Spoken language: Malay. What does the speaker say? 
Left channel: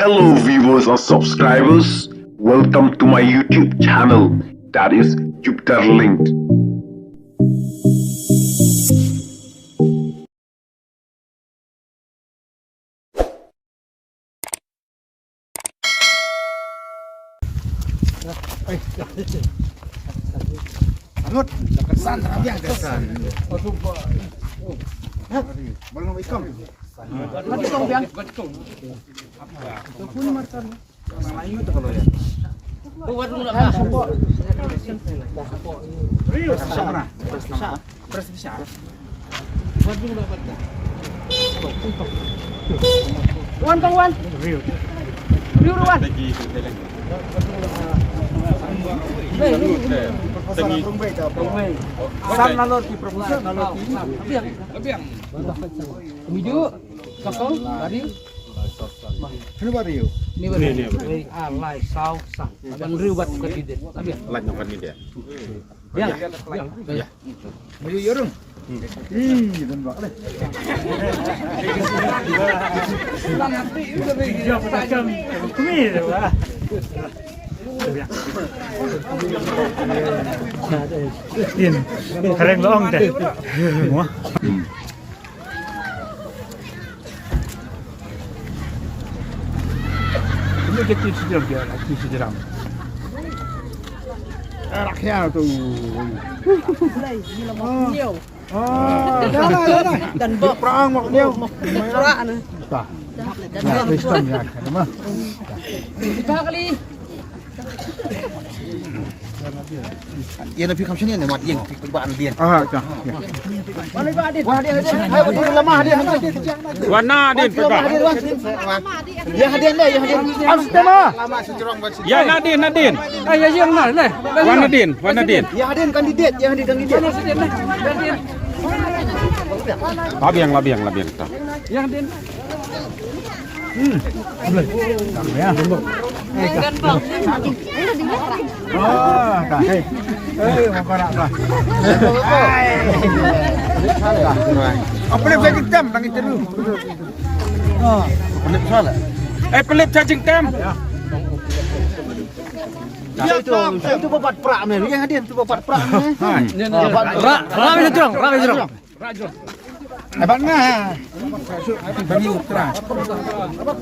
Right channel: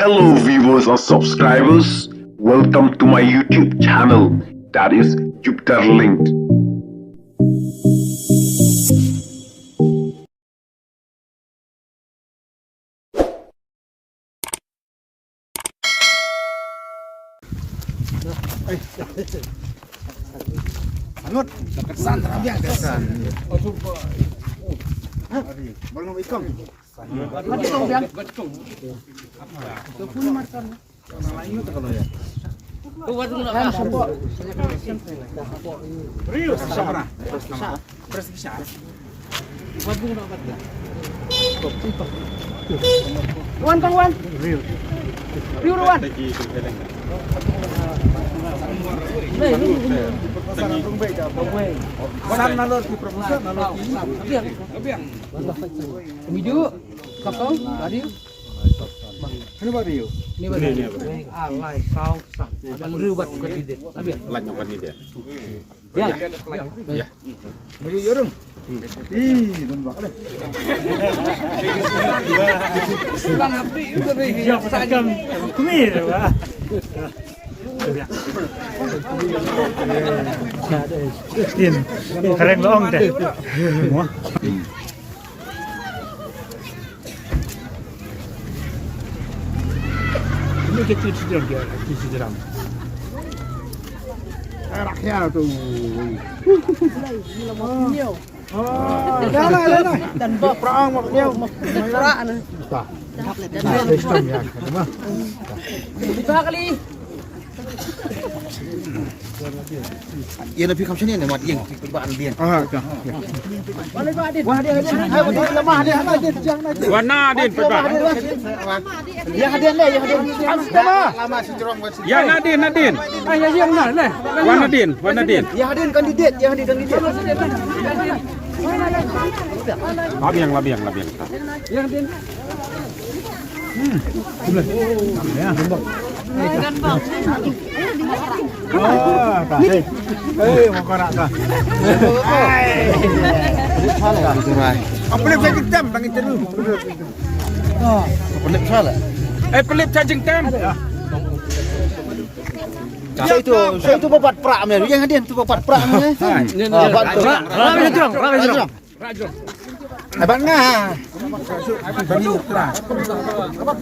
Hello viewers or subscribers, welcome to my YouTube channel, that is Jupiter Linked. Anut, kesan terabiang kesan. Belum ikan. Betul biang. Betul. Itu pun macam. Lain itu kalau ya. Tu buat dulu nak apa? Sama. Beras bisa. Buat dulu nak apa? Wan Bang Wan. Riu Wan. San nalot di produksi nalot abiang hiju kakao adil ini bario ini alai sau sah yang ribat ke didet abiang Lanjut kan dia. ya dari yorong ih dan bak deh sedang hati itu deh sagam ini lah Tin, kalian bohong deh. Ini kecil sedang dia, kecil sedang. Rakyat tu. Dah lah. Dan perang maknya. Perang ni. Dan perang. Kita kali. Ia lebih kamu sini mat yang tebaan dia. Ah, dah. Warna Nadin pegang. Ya hadir lah, ya hadir. Lama sejerong. Ya Nadin. Ya yang mana? Warna Nadin. Ya hadir kandidat, ya hadir kandidat. Labiang. Yang hadir. Mau nak kah? Apa lagi bagi tem, bagi teru. Oh, pelip salah. Pelip charging time. Ya itu bapak prak melu yang hadir tu bapak prak. Rajong. Abang ngah. Bani ukra. Apa